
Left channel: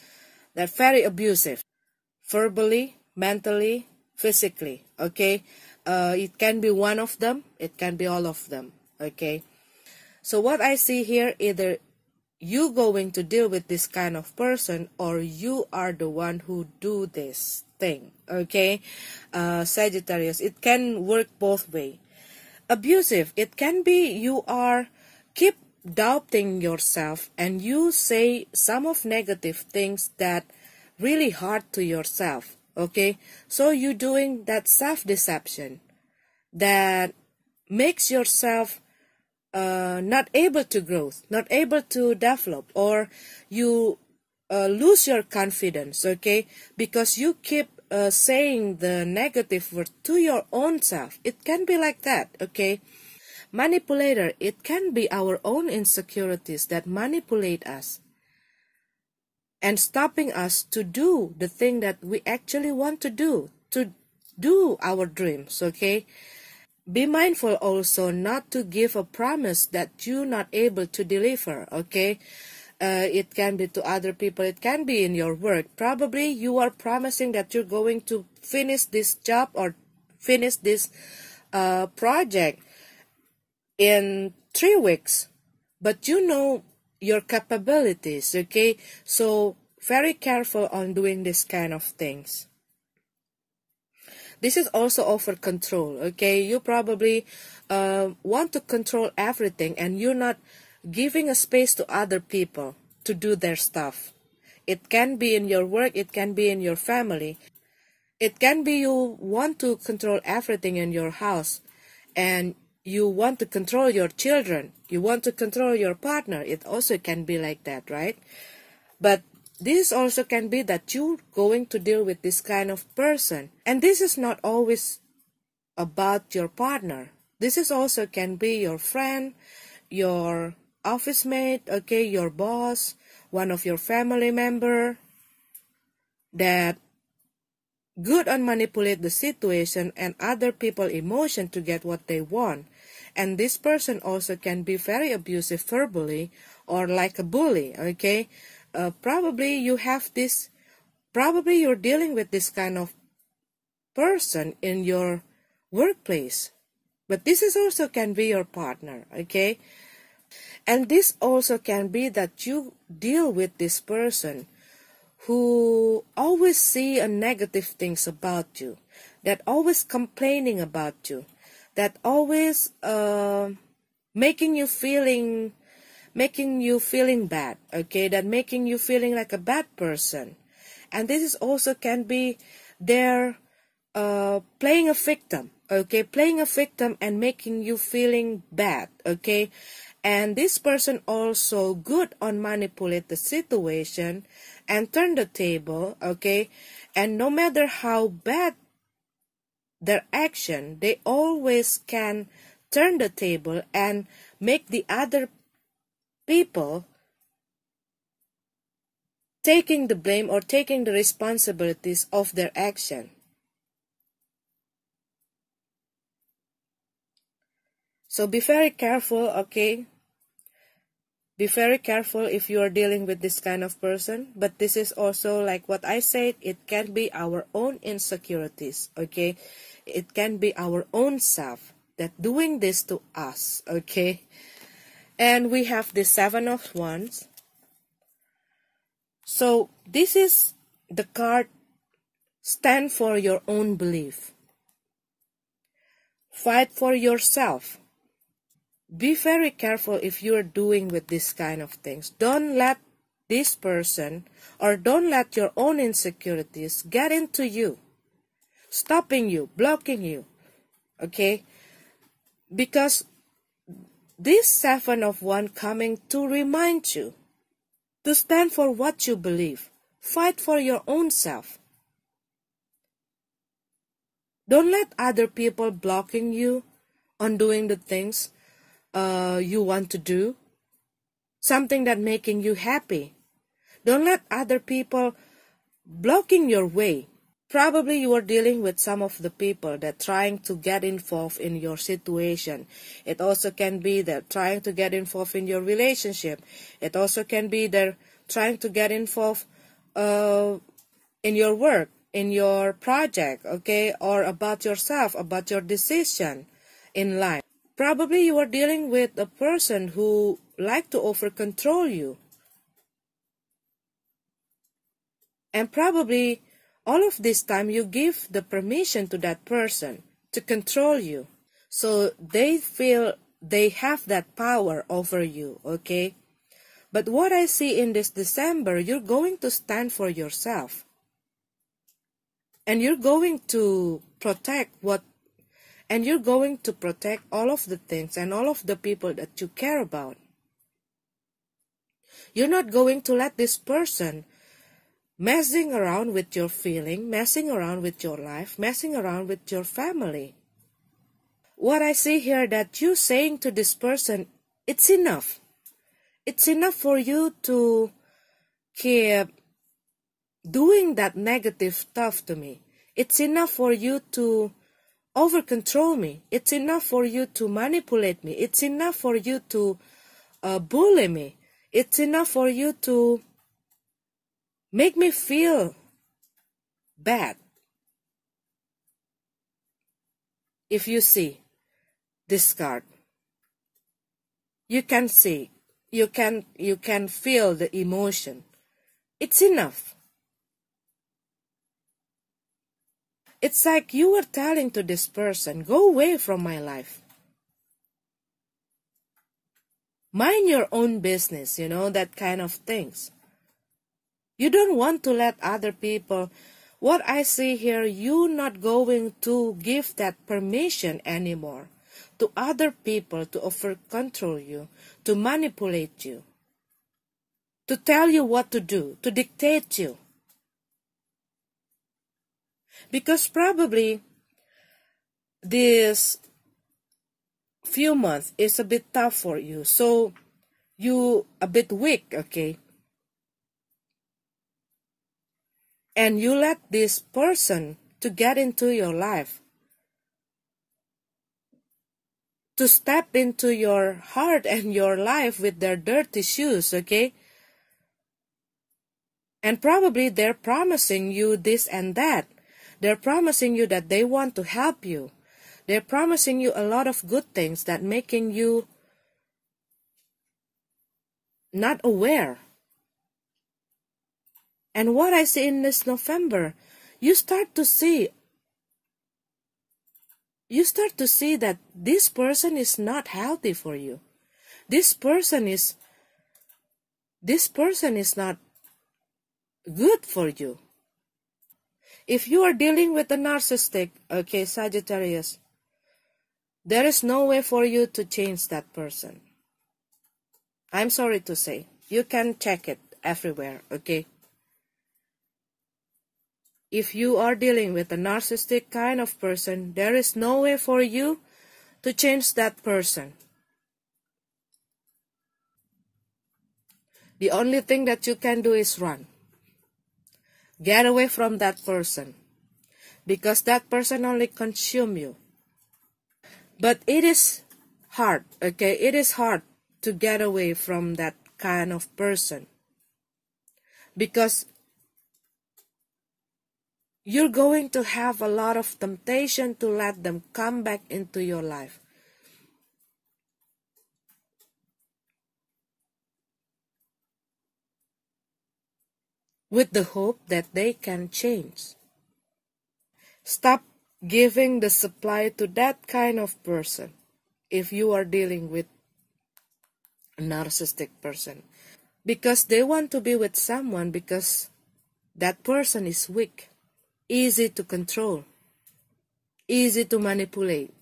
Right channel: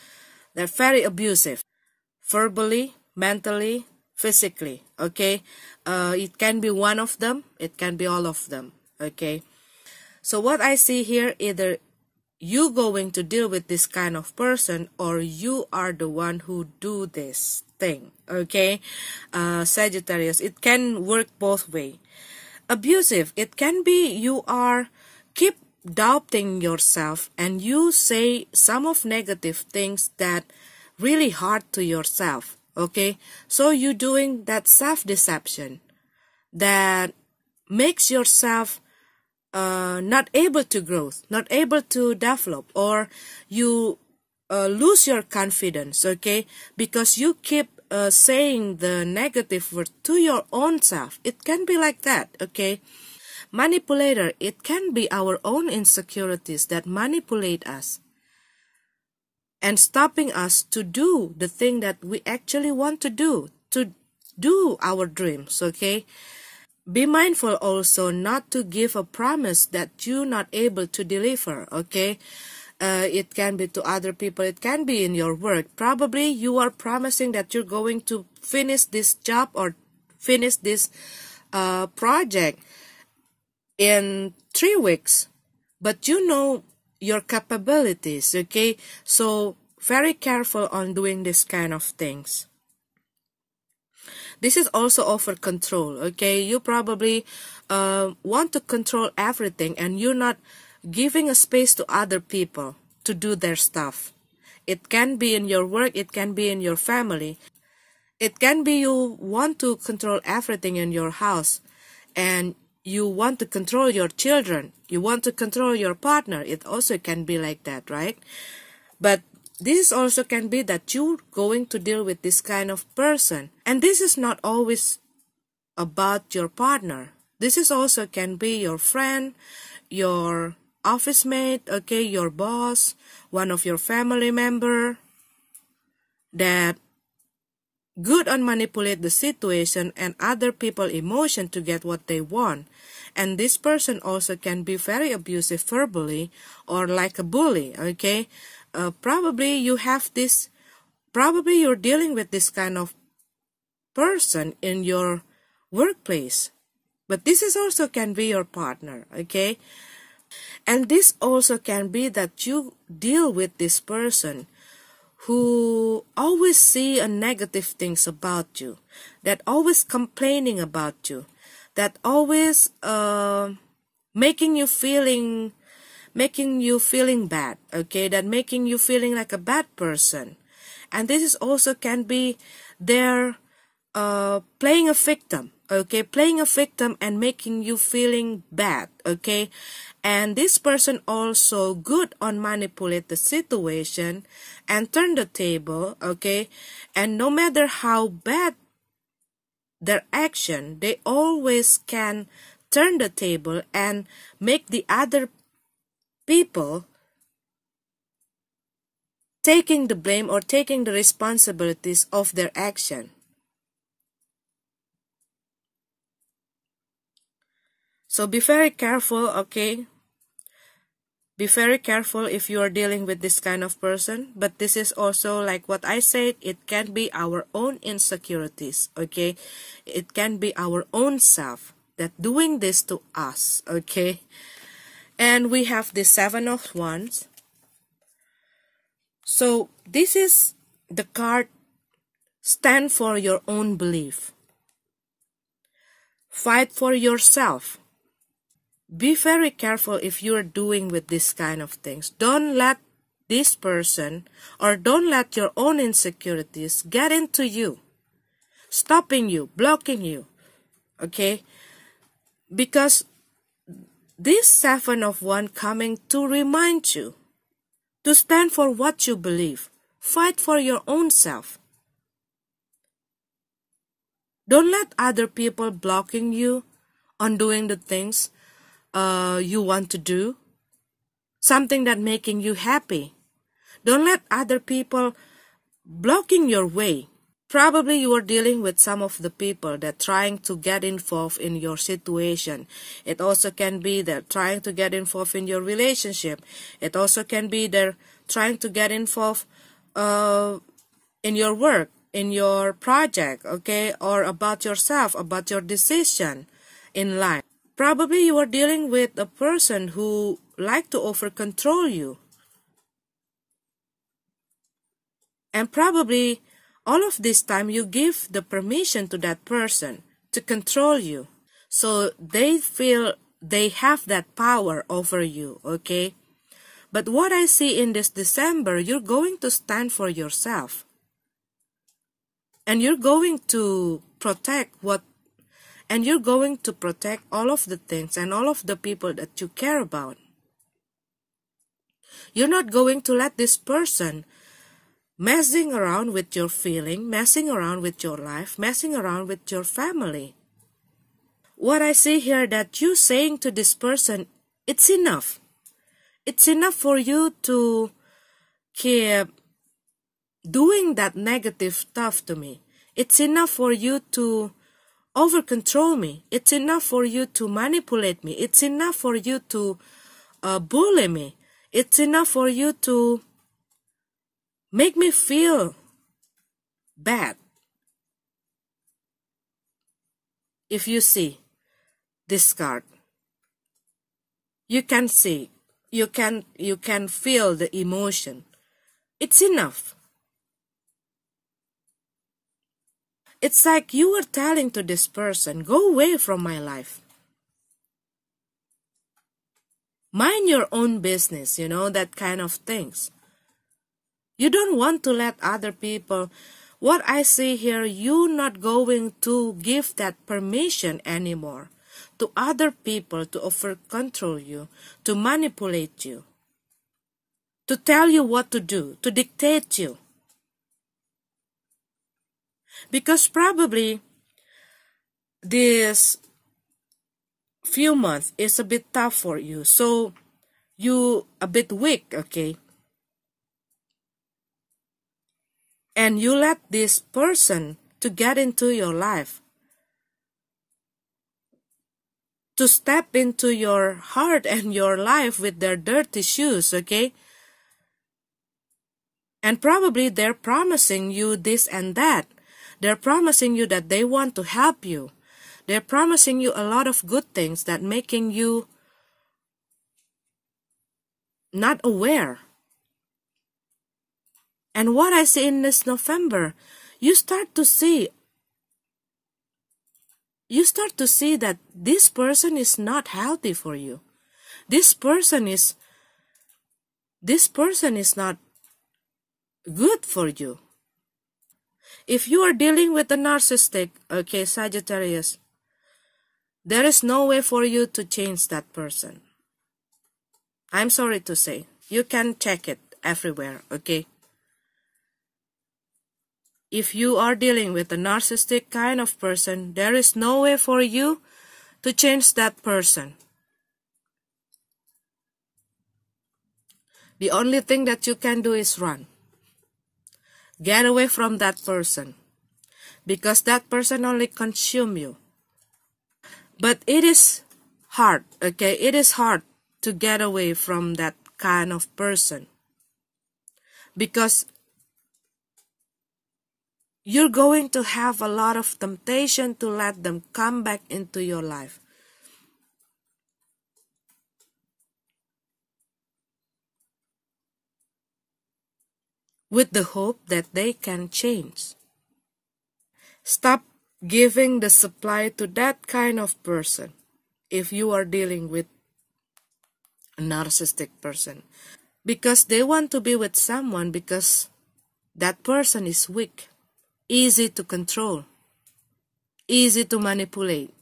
that's very abusive, verbally, mentally, physically, okay? It can be one of them, it can be all of them, okay? So what I see here, either you going to deal with this kind of person or you are the one who do this thing, okay? Sagittarius, it can work both ways. Abusive, it can be you are keep doubting yourself and you say some of negative things that really hard to yourself, okay? So you're doing that self-deception that makes yourself not able to grow, not able to develop, or you lose your confidence, okay? Because you keep saying the negative word to your own self. It can be like that, okay? Manipulator, it can be our own insecurities that manipulate us and stopping us to do the thing that we actually want to do our dreams, okay? Be mindful also not to give a promise that you're not able to deliver, okay? It can be to other people, it can be in your work. Probably you are promising that you're going to finish this job or finish this project in 3 weeks, but you know your capabilities, okay? So very careful on doing this kind of things. This is also over control, okay? You probably want to control everything and you're not giving a space to other people to do their stuff. It can be in your work, it can be in your family. It can be you want to control everything in your house and you want to control your children, you want to control your partner. It also can be like that, right? But this also can be that you're going to deal with this kind of person. And this is not always about your partner. This is also can be your friend, your office mate, okay, your boss, one of your family member that good on manipulate the situation and other people emotion to get what they want. And this person also can be very abusive verbally or like a bully, okay? Probably you have this, probably you're dealing with this kind of person in your workplace. But this is also can be your partner, okay? And this also can be that you deal with this person who always see a negative things about you, that always complaining about you, that always making you feeling making you feeling bad, okay, that making you feeling like a bad person. And this is also can be their playing a victim, okay, playing a victim and making you feeling bad, okay. And this person also good on manipulate the situation and turn the table, okay. And no matter how bad their action, they always can turn the table and make the other people taking the blame or taking the responsibilities of their action. So be very careful, okay? Be very careful if you are dealing with this kind of person. But this is also like what I said, it can be our own insecurities, okay? It can be our own self that doing this to us, okay? And we have the Seven of Wands. So this is the card, stand for your own belief. Fight for yourself. Be very careful if you are doing with this kind of things. Don't let this person or don't let your own insecurities get into you, stopping you, blocking you, okay? Because this Seven of Wands coming to remind you to stand for what you believe. Fight for your own self. Don't let other people blocking you on doing the things you want to do, something that making you happy. Don't let other people blocking your way. Probably you are dealing with some of the people that trying to get involved in your situation. It also can be that trying to get involved in your relationship. It also can be they're trying to get involved in your work, in your project, okay, or about yourself, about your decision in life. Probably you are dealing with a person who like to over-control you. And probably all of this time you give the permission to that person to control you. So they feel they have that power over you, okay? But what I see in this December, you're going to stand for yourself. And you're going to protect and you're going to protect all of the things and all of the people that you care about. You're not going to let this person messing around with your feeling, messing around with your life, messing around with your family. What I see here that you saying to this person, it's enough. It's enough for you to keep doing that negative stuff to me. It's enough for you to over-control me. It's enough for you to manipulate me. It's enough for you to bully me. It's enough for you to make me feel bad. If you see this card, you can see, you can feel the emotion. It's enough. It's like you were telling to this person, go away from my life. Mind your own business, you know, that kind of things. You don't want to let other people, what I see here, you're not going to give that permission anymore to other people to over-control you, to manipulate you, to tell you what to do, to dictate you. Because probably this few months is a bit tough for you. So you a bit weak, okay? And you let this person to get into your life, to step into your heart and your life with their dirty shoes, okay? And probably they're promising you this and that. They're promising you that they want to help you. They're promising you a lot of good things that making you not aware. And what I see in this November, you start to see that this person is not healthy for you. This person is this person is not good for you. If you are dealing with a narcissistic, okay, Sagittarius, there is no way for you to change that person. I'm sorry to say. You can check it everywhere, okay? If you are dealing with a narcissistic kind of person, there is no way for you to change that person. The only thing that you can do is run. Get away from that person. Because that person only consumes you. But it is hard, okay? It is hard to get away from that kind of person. Because you're going to have a lot of temptation to let them come back into your life. With the hope that they can change. Stop giving the supply to that kind of person if you are dealing with a narcissistic person. Because they want to be with someone because that person is weak. Easy to control, easy to manipulate.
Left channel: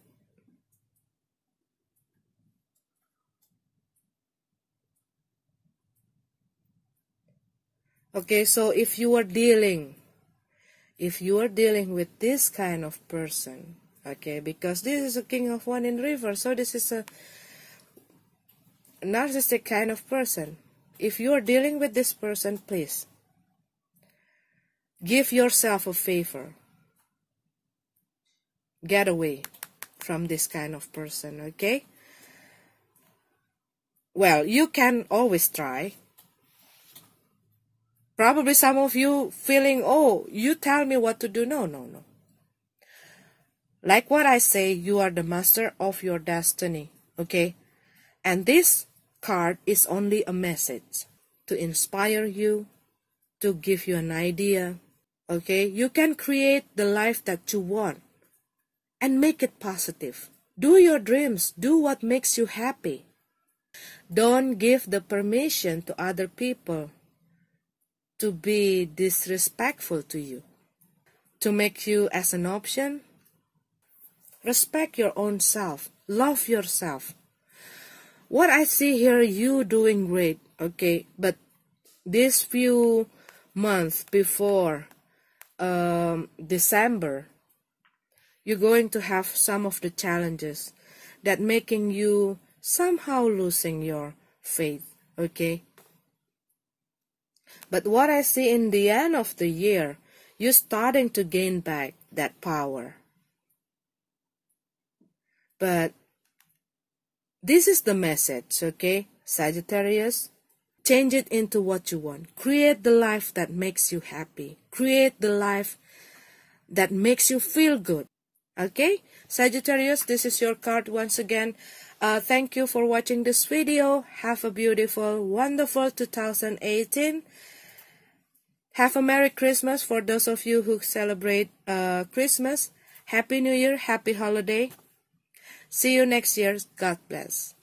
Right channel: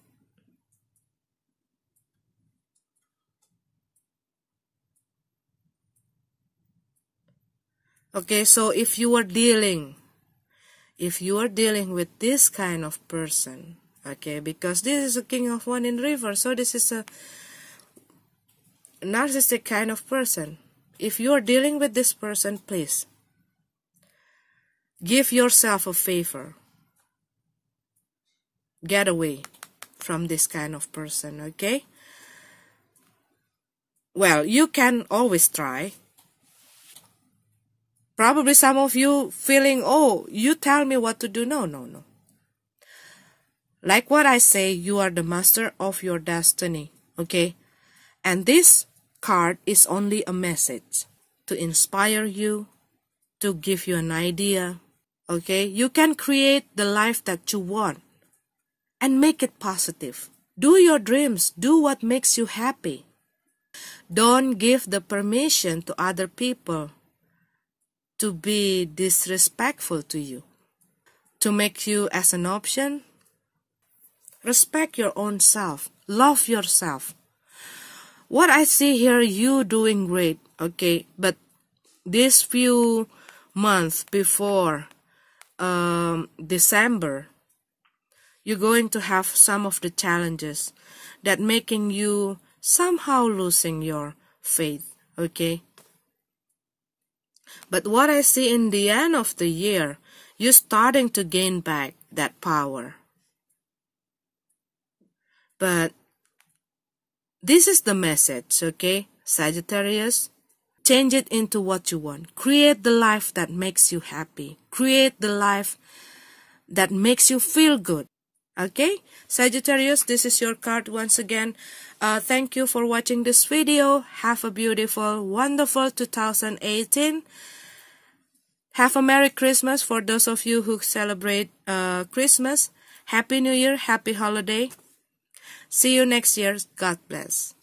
Okay, so if you are dealing with this kind of person, okay, because this is a King of Wands in reverse, so this is a narcissistic kind of person. If you are dealing with this person, please give yourself a favor. Get away from this kind of person, okay? Well, you can always try. Probably some of you feeling, oh, you tell me what to do. No. Like what I say, you are the master of your destiny, okay? And this card is only a message to inspire you, to give you an idea. Okay, you can create the life that you want and make it positive. Do your dreams. Do what makes you happy. Don't give the permission to other people to be disrespectful to you, to make you as an option. Respect your own self. Love yourself. What I see here, you doing great, okay? But this few months before December, you're going to have some of the challenges that making you somehow losing your faith, okay? But what I see in the end of the year, you're starting to gain back that power. But this is the message, okay, Sagittarius? Change it into what you want. Create the life that makes you happy. Create the life that makes you feel good. Okay? Sagittarius, this is your card once again. Thank you for watching this video. Have a beautiful, wonderful 2018. Have a Merry Christmas for those of you who celebrate Christmas. Happy New Year. Happy holiday. See you next year. God bless.